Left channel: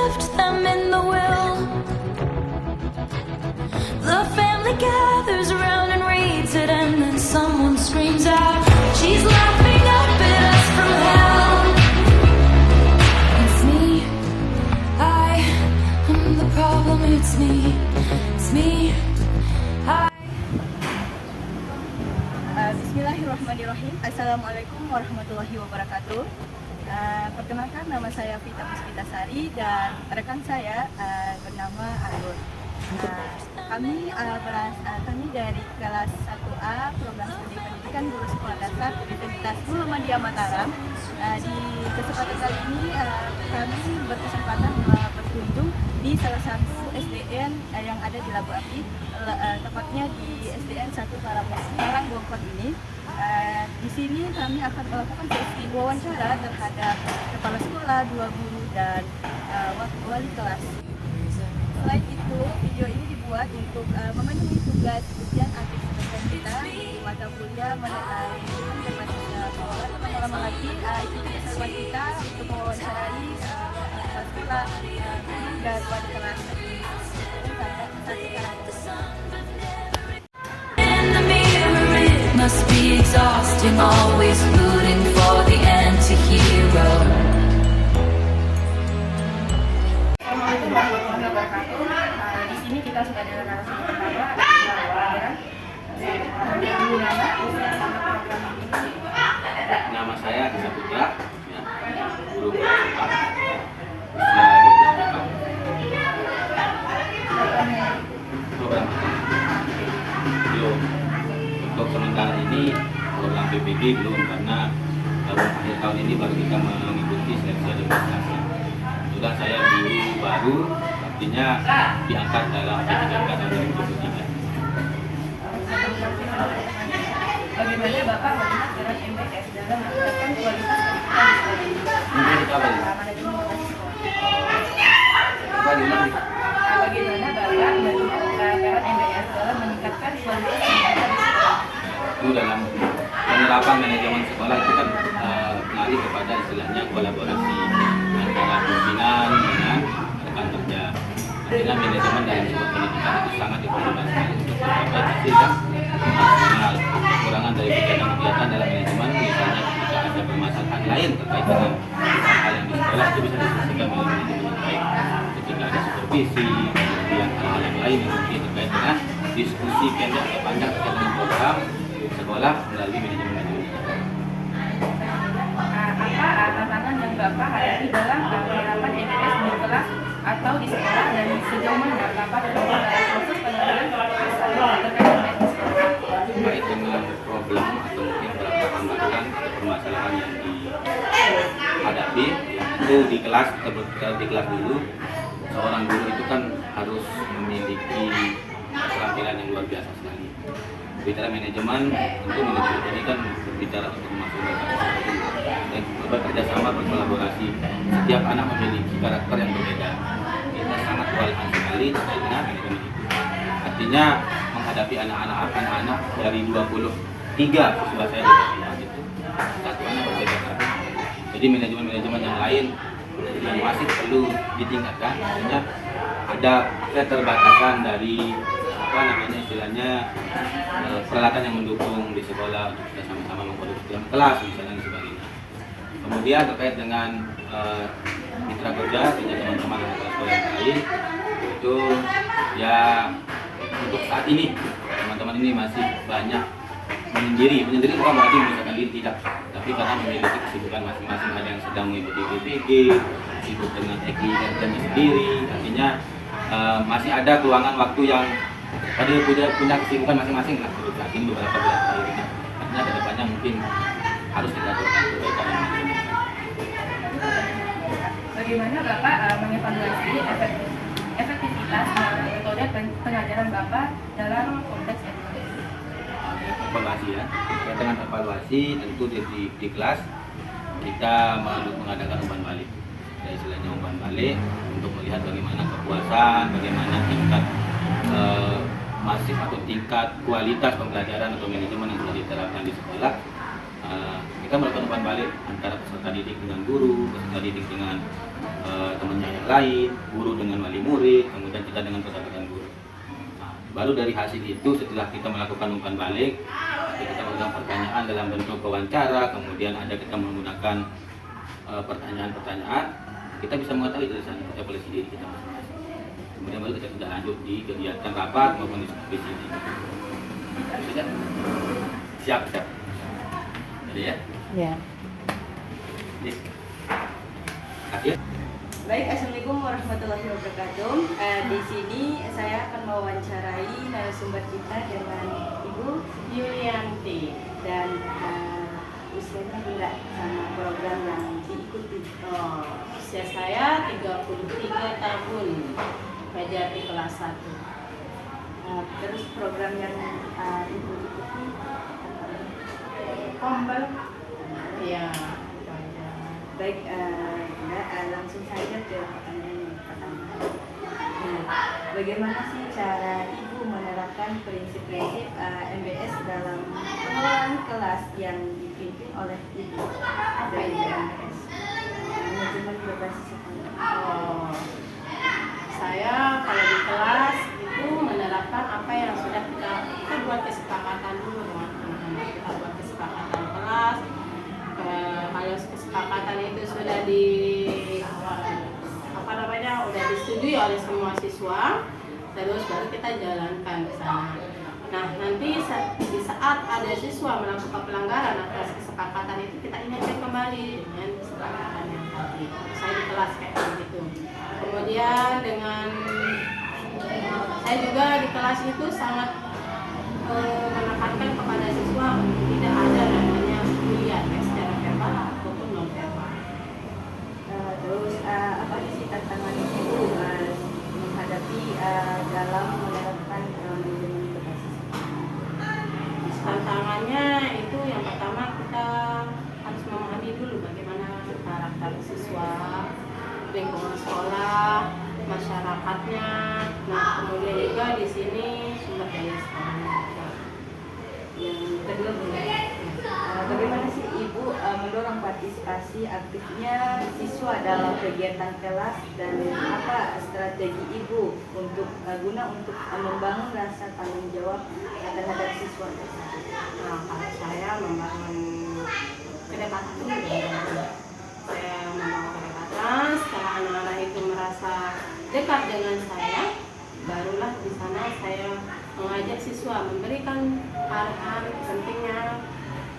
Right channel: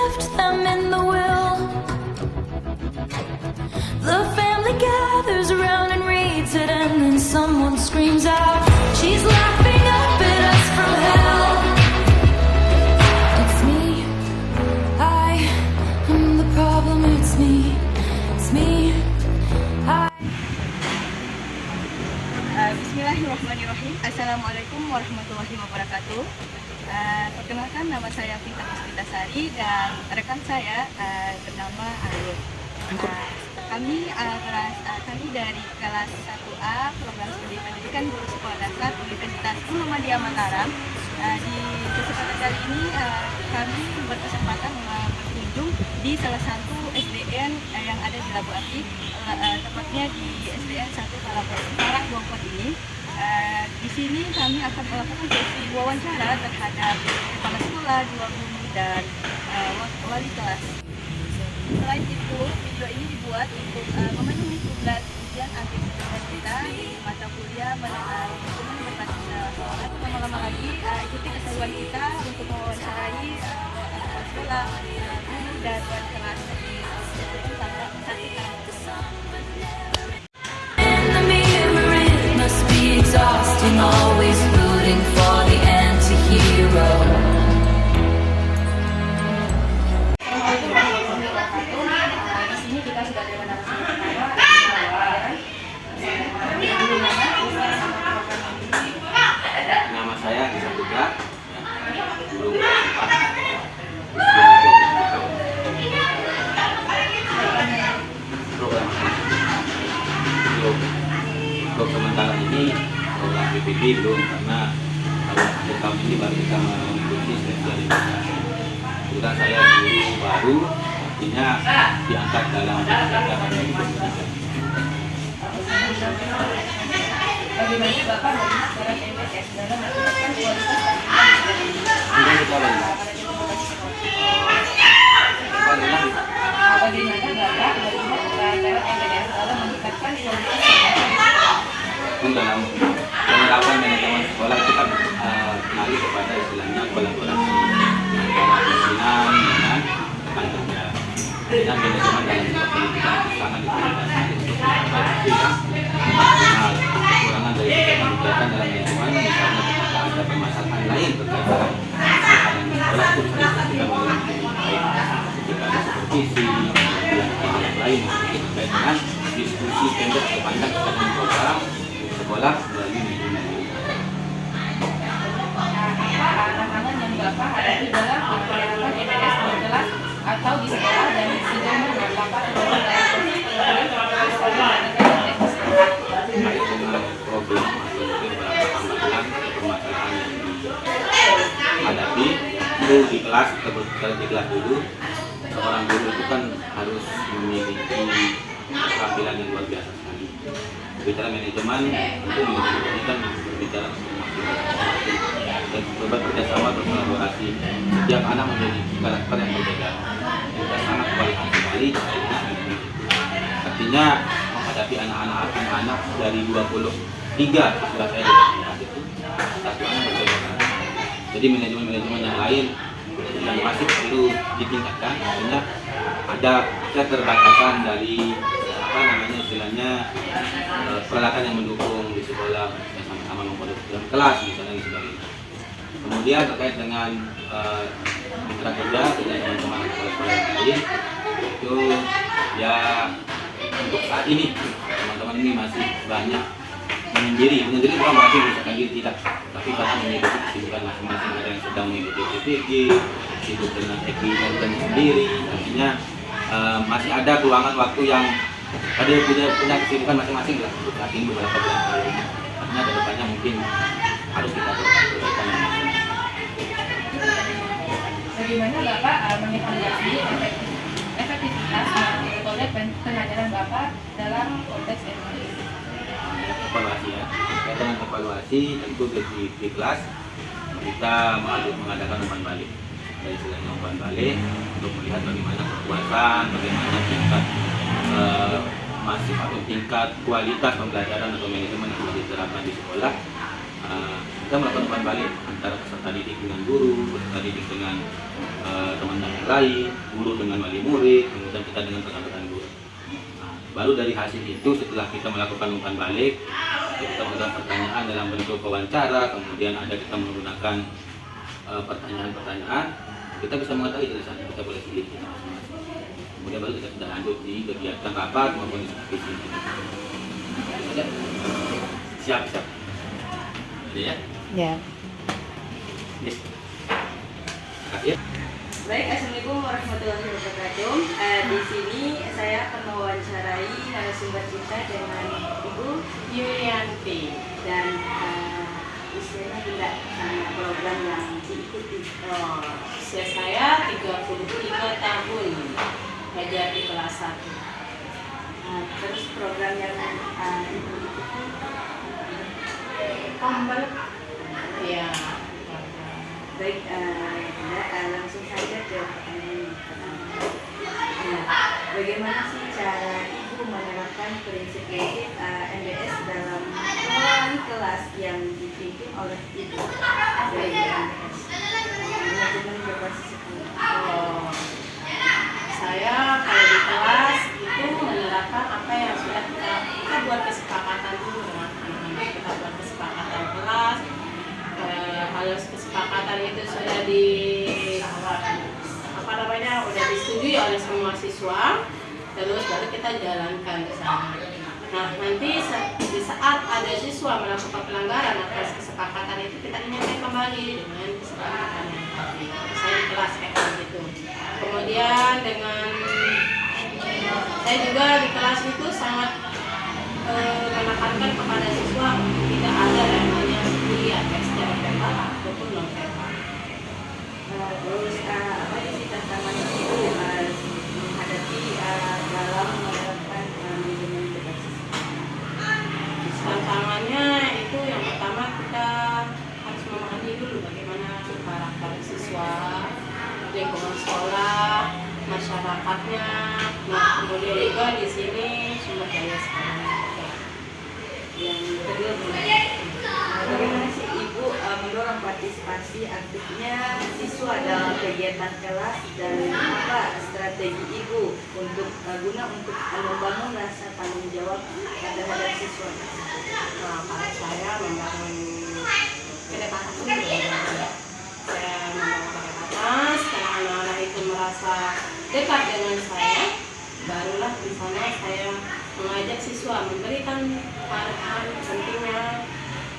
left them in the will. The family gathers around and reads it, and then someone screams out, "She's laughing up at us from hell." It's me, I am the problem. It's me, I. Bismillahirrahmanirrahim. Assalamualaikum warahmatullahi wabarakatuh. Perkenalkan, nama saya Vita Puspitasari dan rekan saya bernama Anggur. Kami dari kelas 1A program studi pendidikan guru sekolah dasar Universitas Muhammadiyah Mataram. Di kesempatan kali ini kami berkesempatan berkunjung di salah satu SDN yang ada di Labu Api, tepatnya di SDN 1 Karangbuangkot ini. Di sini kami akan melakukan sesi wawancara terhadap kepala sekolah, dua guru, dan wali kelas. Selain itu, video ini dibuat untuk memenuhi tugas ujian akhir semester kita di mata kuliah manajemen berbasis keuangan. Lama lagi ikuti keseruan kita untuk mewawancarai kepala sekolah dan wali kelas. Must be exhausting, always rooting for the anti-hero. Di sini kita sudah ada narasumber pertama. Nama saya Disa Putra, guru program untuk sementara ini program PPP belum, karena tahun ini baru kita mengikuti sosialisasi. Juga saya guru baru, artinya diangkat dalam kebijakan yang berbeda. Bagaimana Bapak berbicara MTS dalam meningkatkan kualitas dalam penerapan manajemen sekolah itu kan melalui kepada istilahnya kolaborasi antara pimpinan dengan rekan kerja. Dengan manajemen dalam pendidikan sangat diperlukan untuk menghasilkan maksimal. Kekurangan dari kegiatan dalam manajemen, misalnya jika ada permasalahan lain terkait dengan yang sekolah, itu bisa diselesaikan melalui baik ketika ada supervisi dan hal yang lain terkait dengan diskusi pendek atau panjang terkait dengan program sekolah melalui tantangan yang Bapak hadapi dalam penerapan MTS di kelas atau di sekolah, dan sejauh mana Bapak terkait dengan problem atau beberapa hambatan permasalahan yang dihadapi itu di kelas dulu. Seorang guru itu kan harus memiliki keterampilan yang luar biasa sekali. Bicara manajemen itu ini kan bicara dan bekerja sama, berkolaborasi. Setiap anak memiliki karakter yang berbeda. Kita sangat kualitas sekali. Artinya menghadapi anak-anak dari 23 sebelah saya satu anak berbeda. Jadi manajemen yang lain yang masih perlu ditingkatkan. Artinya ada keterbatasan dari istilahnya peralatan yang mendukung di sekolah, sama-sama memproduksi dalam kelas misalnya dan sebagainya. Kemudian terkait dengan mitra kerja dengan teman-teman sekolah yang lain, itu ya untuk saat ini teman-teman ini masih banyak menyendiri bukan berarti misalkan diri tidak, tapi pasti memiliki kesibukan masing-masing. Ada yang sedang mengikuti PPG, sibuk dengan teknik dan sendiri, artinya masih ada peluangan waktu yang pada punya kesibukan masing-masing dalam saat ini beberapa bulan terakhir ini. Artinya ke depannya mungkin harus kita lakukan perbaikan. Bagaimana Bapak mengevaluasi efektivitas metode pengajaran Bapak dalam konteks edukasi? Evaluasi ya, kita dengan evaluasi tentu di kelas kita mengadakan umpan balik. Saya istilahnya umpan balik untuk melihat bagaimana kepuasan, bagaimana tingkat masif atau tingkat kualitas pembelajaran atau manajemen yang sudah diterapkan di sekolah. kita melakukan umpan balik antara peserta didik dengan guru, peserta didik dengan teman yang lain, guru dengan wali murid, kemudian kita dengan rekan-rekan guru. Nah, baru dari hasil itu setelah kita melakukan umpan balik, kita melakukan pertanyaan dalam bentuk wawancara, kemudian ada kita menggunakan pertanyaan-pertanyaan, kita bisa mengetahui dari sana kita boleh sendiri kita masing-masing. Kemudian baru kita sudah lanjut di kegiatan rapat maupun supervisi. Siap. Jadi ya. Ya. Oke. Kasih. Baik, assalamualaikum warahmatullahi wabarakatuh. Di sini saya akan mewawancarai narasumber kita dengan Ibu Yulianti dan usianya juga sama program yang diikuti. Usia saya 33 tahun, belajar di kelas 1. Terus program yang Ibu ikuti Tombol, ya. baik, langsung saja ke pertanyaan pertama. Nah, bagaimana sih cara Ibu menerapkan prinsip-prinsip MBS dalam kelas yang dipimpin oleh Ibu? Apa itu MBS? Manajemen berbasis sekolah. Oh, saya kalau di kelas itu menerapkan apa yang sudah kita buat kesepakatan dulu dengan anak-anak. Kita buat kesepakatan kelas. Kalau kesepakatan itu sudah udah disetujui oleh semua siswa, terus baru kita jalankan di sana. Nah, nanti di saat ada siswa melakukan pelanggaran atas kesepakatan itu, kita ingatkan kembali dengan kesepakatan yang tadi. Saya di kelas kayak gitu. Kemudian saya juga di kelas itu sangat menekankan kepada siswa untuk tidak ada namanya kuliah secara verbal ataupun non verbal. Terus apa sih tantangan Ibu menghadapi dalam menerapkan manajemen berbasis sekolah? Tantangannya itu yang pertama kita harus memahami dulu bagaimana karakter siswa, lingkungan sekolah, masyarakatnya. Nah, kemudian juga di sini sumber daya sekolahnya juga. Yang kedua, bagaimana sih Ibu mendorong partisipasi aktifnya siswa dalam kegiatan kelas dan apa strategi Ibu untuk guna untuk membangun rasa tanggung jawab terhadap siswa? Nah, kalau saya membangun kedekatan dulu ya. Saya membangun kedekatan, setelah anak-anak itu merasa dekat dengan saya, barulah di sana saya mengajak siswa memberikan arahan pentingnya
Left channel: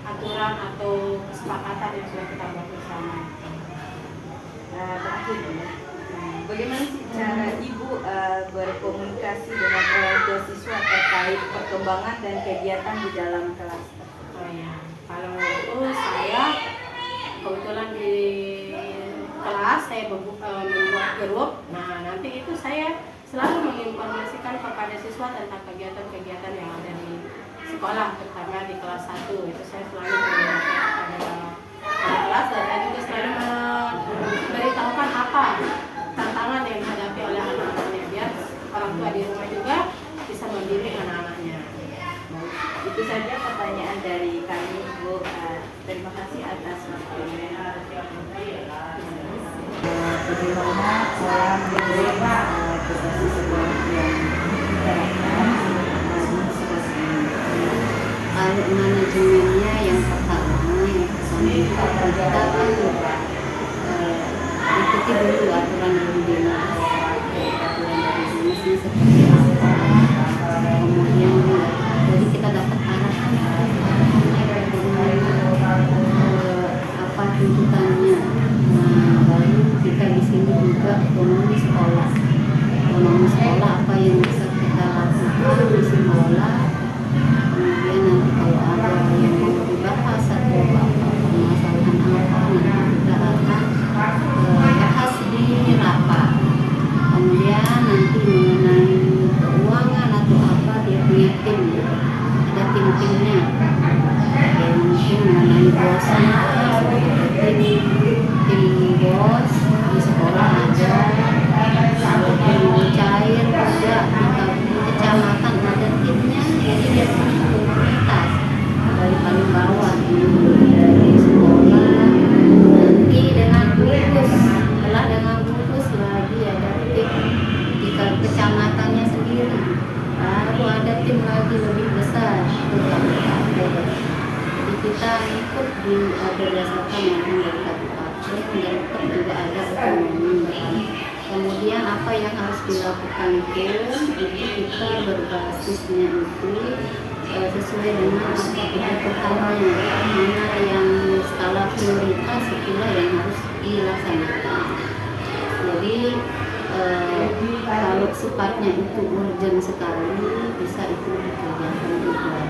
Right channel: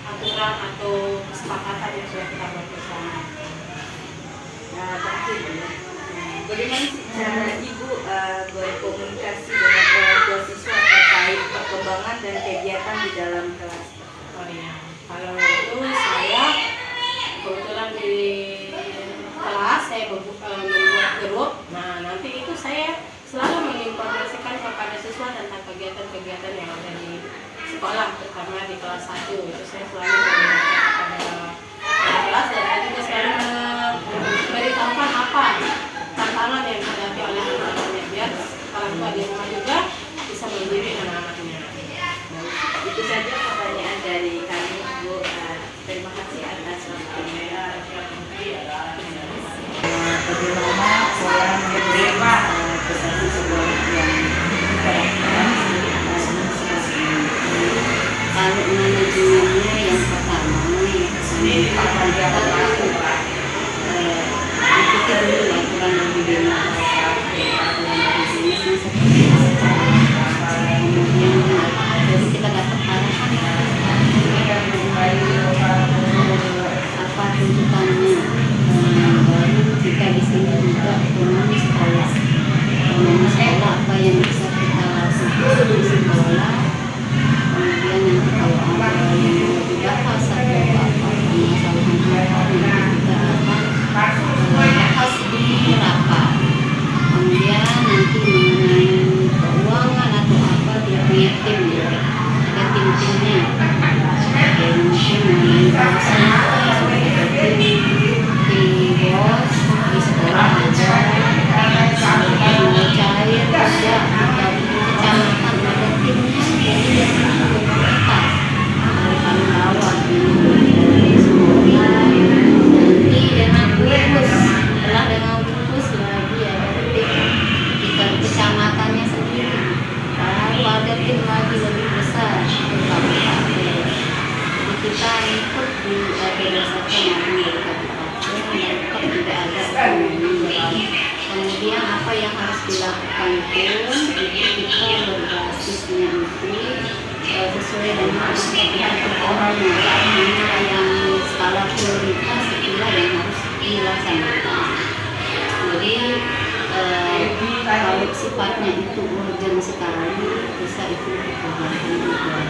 aturan atau kesepakatan yang sudah kita buat bersama. Terakhir, bagaimana sih cara Ibu berkomunikasi dengan orang tua siswa terkait perkembangan dan kegiatan di dalam kelas? Oh iya, kalau itu saya kebetulan di kelas saya membuat grup. Nah, nanti itu saya selalu menginformasikan kepada siswa tentang kegiatan-kegiatan yang ada di sekolah, terutama di kelas 1. Itu saya selalu menginformasikan kepada kelas, dan saya juga selalu memberitahukan apa tantangan yang dihadapi oleh anak-anaknya, biar orang tua di rumah juga bisa mendidik anak-anaknya. Baik, itu saja pertanyaan dari kami, Bu. Terima kasih atas waktunya. Bagaimana pola berbasis sekolah yang diterapkan di sekolah ini? Kalau manajemennya yang pertama kita ikuti dulu aturan dari dinas, aturan dari dinasnya seperti apa, kemudian jadi kita dapat arahan apa tuntutannya. Baru kita di sini juga ekonomi kecamatannya sendiri. Lalu ada tim lagi lebih besar ke kabupaten. Jadi kita ikut di berdasarkan arahan dari kabupaten, dan tetap juga ada otonomi. Kemudian apa yang harus dilakukan itu kita berbasisnya itu sesuai dengan performanya, mana yang skala prioritas itulah yang harus dilaksanakan. Jadi kalau sifatnya itu urgent sekali, bisa itu dikerjakan juga.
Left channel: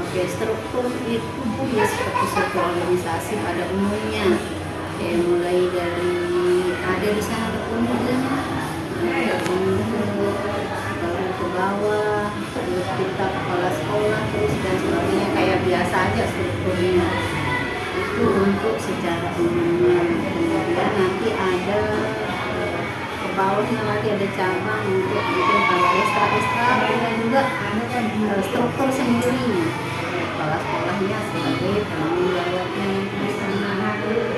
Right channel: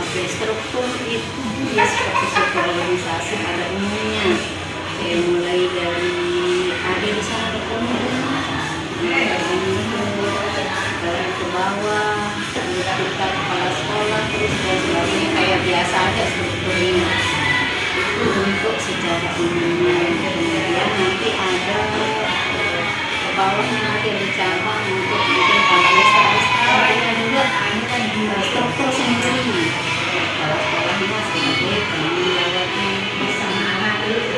Oke, struktur itu ya seperti struktur organisasi pada umumnya. Mulai dari ada di sana ada baru ke bawah, terus kita kepala sekolah, terus dan sebagainya, kayak biasa aja strukturnya. Itu untuk secara umumnya. Kemudian nanti ada ke bawahnya lagi ada cabang untuk bikin tambah ekstra dengan juga struktur sendiri. Kepala sekolahnya sebagai pengelola di sana.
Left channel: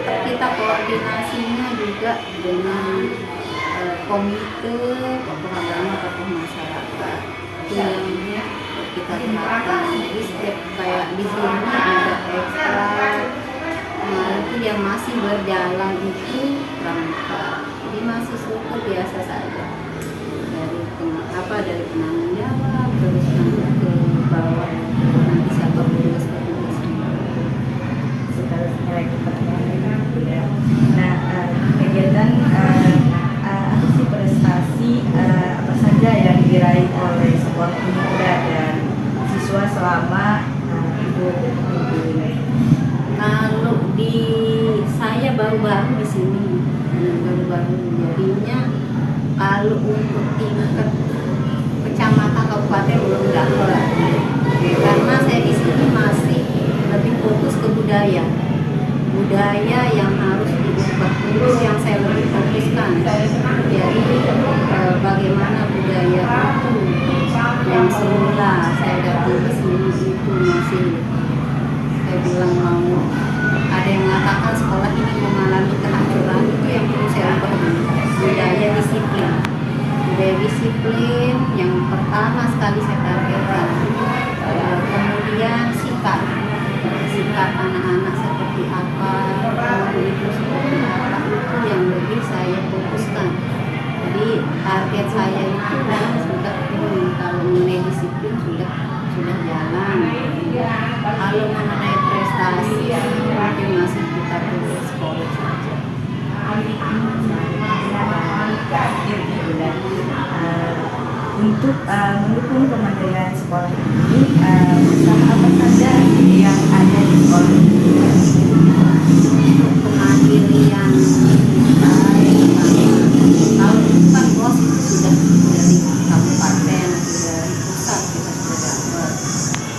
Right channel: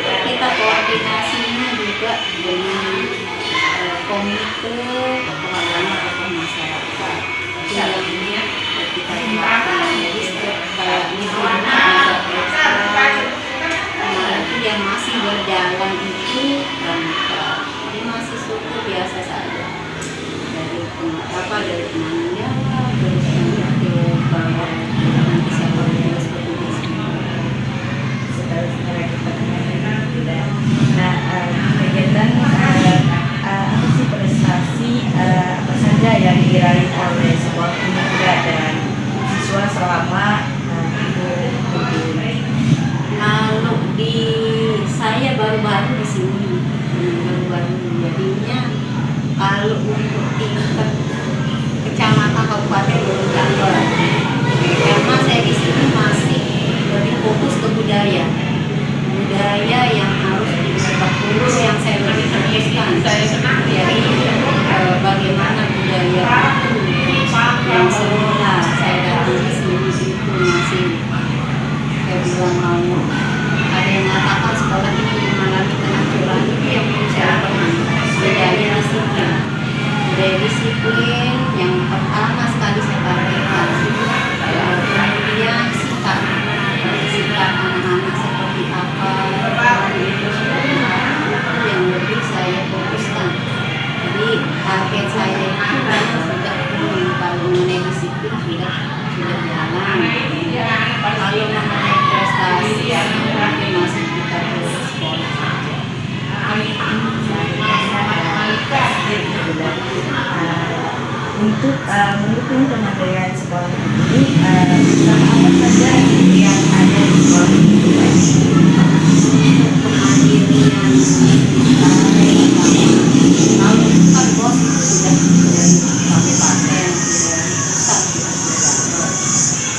Kita koordinasinya juga dengan komite tokoh agama, tokoh masyarakat. Itu yang kita terapkan. Jadi setiap kayak liburnya ada ekstra. Kemarin itu yang masih berjalan itu pramuka. Jadi masih struktur biasa saja. Dari penanggung jawab, terus nanti ke bawah, nanti siapa beres petugasnya. Setelah kita nah, kegiatan apa sih prestasi apa saja yang diraih oleh sebuah pemuda dan siswa selama Ibu Udin? Kalau di saya baru-baru di sini, baru-baru jadinya kalau untuk tingkat kecamatan kabupaten belum dapat. Karena saya di sini masih lebih fokus ke budaya yang harus diubah dulu, yang saya lebih fokuskan. Jadi bagaimana budaya itu yang semula saya datang di sini itu masih, saya bilang mau ada yang mengatakan sekolah ini mengalami kehancuran, itu yang perlu saya ubah. Budaya disiplin yang pertama sekali saya targetkan. Kemudian sikap anak-anak seperti apa, itu seperti apa, itu yang lebih saya fokuskan. Jadi target saya itu kan sudah turun. Kalau mengenai disiplin sudah jalan. Kalau mengenai prestasi mungkin masih kita terus sekolah saja. Untuk mendukung kemandirian sekolah ini, apa saja yang ada di sekolah ini? Kemandirian kita kalau kan bos itu sudah dari kabupaten, dari pusat kita sudah dapat.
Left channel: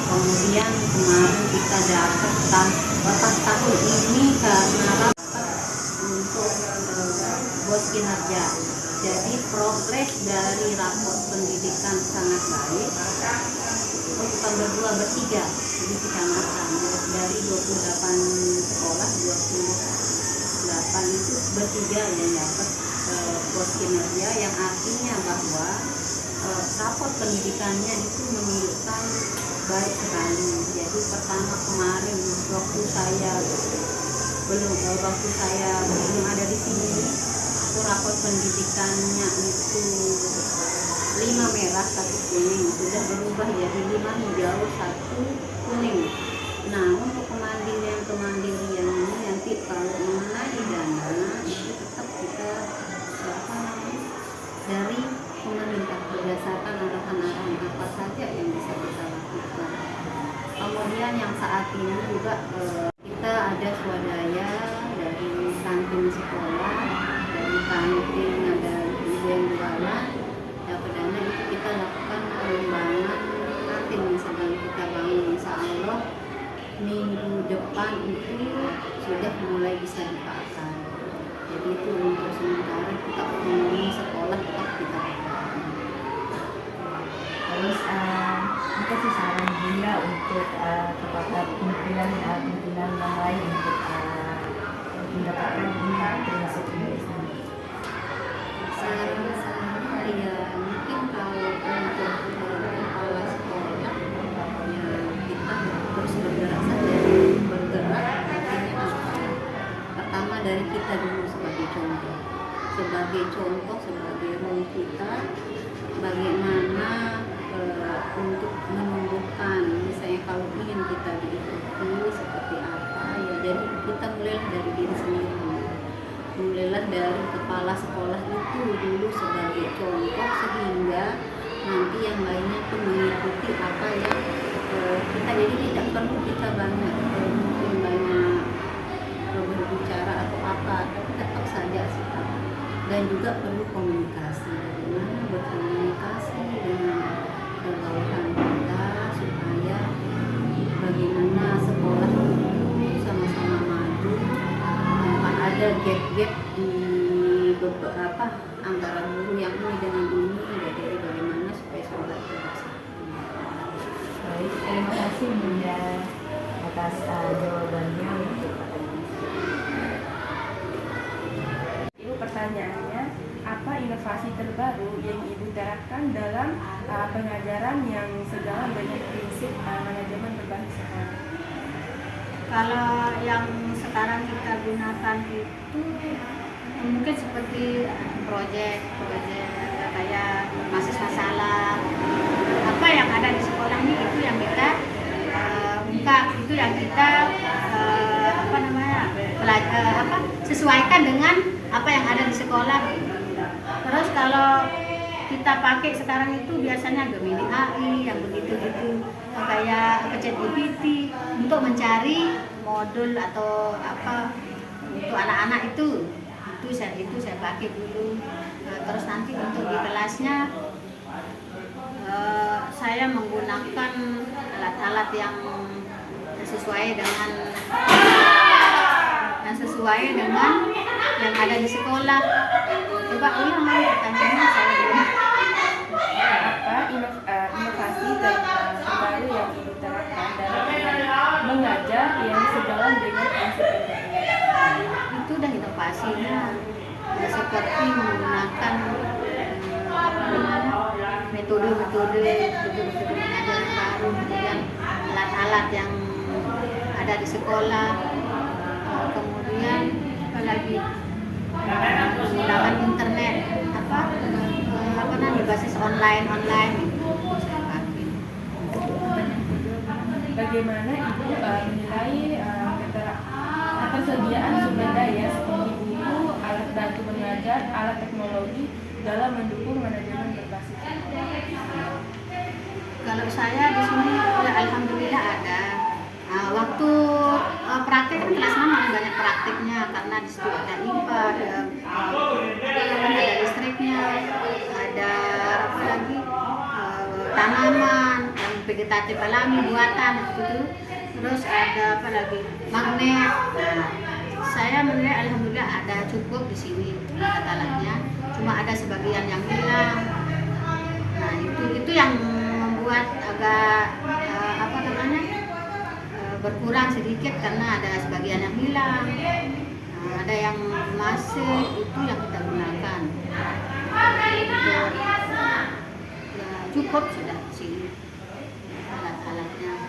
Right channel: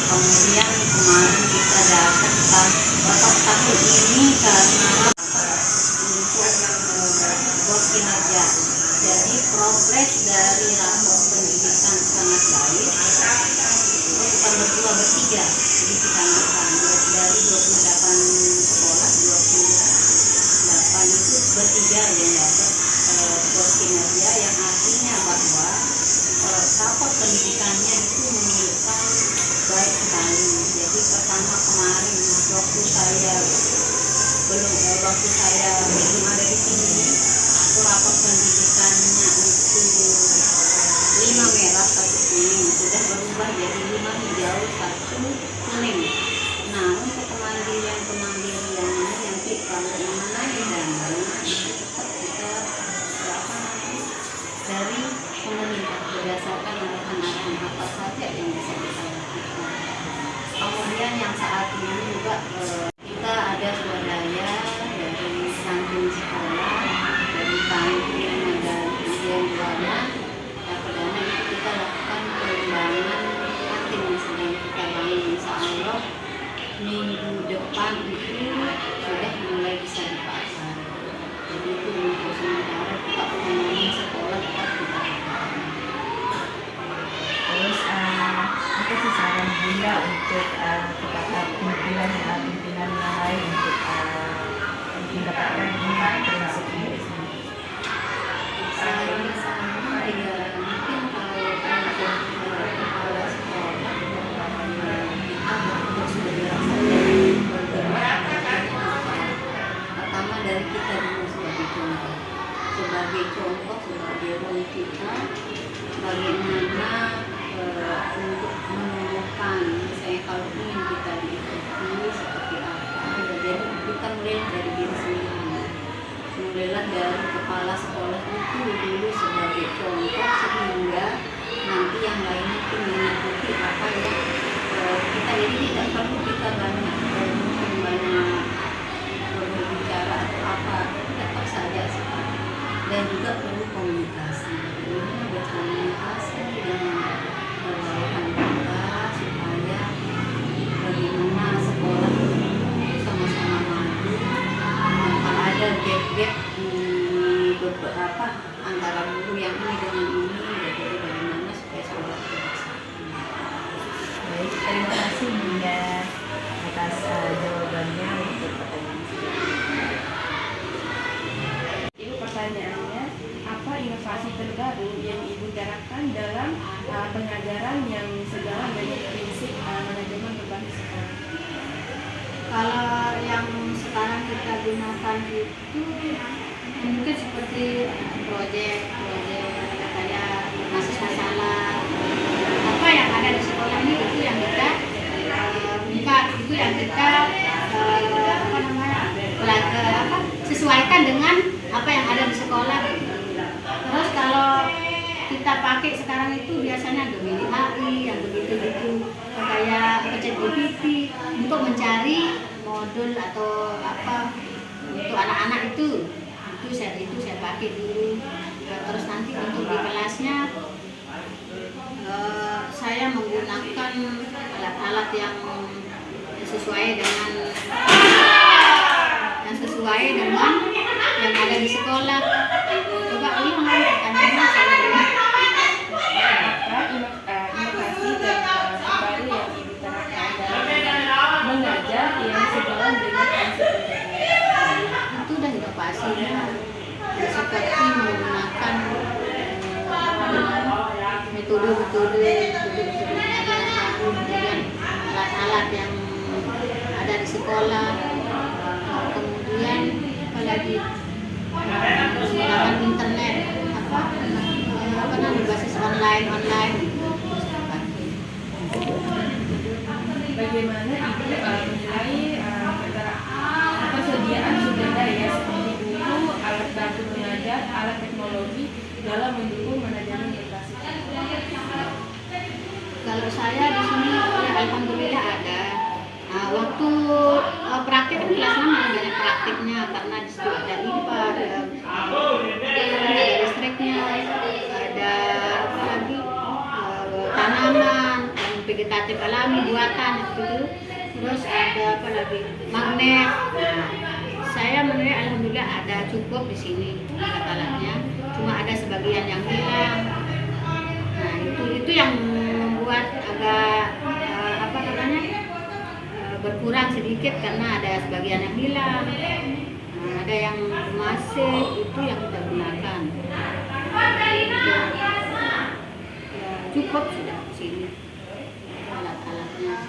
Kemudian kemarin kita dapat tahun ini karena rapat untuk bos kinerja. Jadi progres dari rapor pendidikan sangat baik. Bukan berdua, bertiga. Jadi kita makan dari 28 sekolah, 28 itu bertiga yang dapat bos kinerja, yang artinya bahwa rapor pendidikannya itu menunjukkan baik sekali. Jadi pertama kemarin waktu saya belum ada di sini, itu rapor pendidikannya itu 5 merah 1 kuning, sudah berubah jadi 5 hijau 1 kuning. Nah, untuk kemandirian ini nanti kalau mengenai dana itu tetap kita dari pemerintah berdasarkan arahan-arahan apa saja yang bisa kita lakukan. Kemudian yang saat ini juga kita ada swadaya dari kantin sekolah, dari kantin ada ujian jualan, dana itu kita lakukan pengembangan kantin yang sedang kita bangun. Insya Allah minggu depan itu sudah mulai bisa dipakai. Jadi itu untuk sementara kita otonomi sekolah tetap kita lakukan. Terus apa sih guna untuk kepada pimpinan yang lain untuk mendapatkan prinsip ini. Ya, mungkin kalau untuk kepala sekolah kita terus bergerak saja, bergerak. Pertama dari kita dulu sebagai contoh, sebagai role kita, bagaimana untuk menumbuhkan, misalnya kalau ingin kita diikuti seperti apa, ya jadi kita mulailah dari diri sendiri. Mulailah dari kepala sekolah itu dulu sebagai contoh, sehingga nanti yang lainnya pun mengikuti apa yang kita, jadi tidak perlu kita mungkin banyak berbicara atau apa, tetap saja sifat. Dan juga perlu komunikasi, bagaimana berkomunikasi dengan bawahan kita supaya bagaimana sekolah sama-sama maju. Tanpa ada gap-gap di beberapa antara guru yang ini dengan ini, jadi bagaimana supaya sekolah itu bersatu. Baik, terima kasih Bunda atas jawabannya untuk pertanyaan. Ibu, pertanyaannya, apa inovasi terbaru yang Ibu terapkan dalam pengajaran yang sejalan dengan prinsip manajemen berbasis sekolah? Kalau yang sekarang kita gunakan itu mungkin seperti proyek kayak masalah apa yang ada di sekolah ini, itu yang kita ungkap, itu yang kita sesuaikan dengan apa yang ada di sekolah. Terus kalau kita pakai sekarang itu biasanya Gemini AI yang begitu-gitu, kayak ChatGPT untuk mencari modul atau apa untuk anak-anak itu saya pakai dulu. Nah, terus nanti untuk di kelasnya saya menggunakan alat-alat yang sesuai dengan yang ada di sekolah. Coba ulang lagi pertanyaannya, saya dulu. Apa inovasi terbaru yang Ibu terapkan dalam mengajar yang sejalan dengan prinsip pendidikan? Itu udah inovasinya, ya, seperti menggunakan metode mengajar yang baru, kemudian alat-alat yang ada di sekolah, kemudian apalagi menggunakan internet, berbasis online itu saya pakai. Bagaimana Ibu menilai ketersediaan sumber daya seperti guru, alat bantu mengajar, alat teknologi dalam mendukung manajemen berbasis sekolah? Kalau saya di sini ya alhamdulillah ada. Nah, waktu praktek kan kelas 6 banyak praktiknya, karena di situ ada IPA, ada listriknya, ada apa lagi tanaman yang vegetatif alami buatan itu, terus ada apa lagi magnet. Nah, saya menilai alhamdulillah ada cukup di sini alat-alatnya, cuma ada sebagian yang hilang. Nah, itu yang membuat agak berkurang sedikit, karena ada sebagian yang hilang. Nah, ada yang masih, itu yang kita gunakan. Ya, cukup sudah di sini alat-alatnya.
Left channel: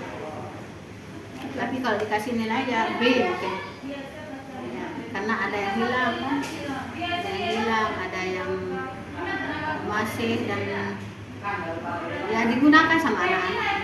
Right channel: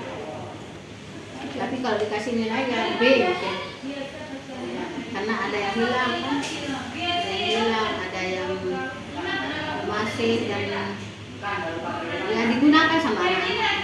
Tapi kalau dikasih nilai ya B gitu. Ya, karena ada yang hilang kan, ada yang masih, dan ya digunakan sama anak-anak.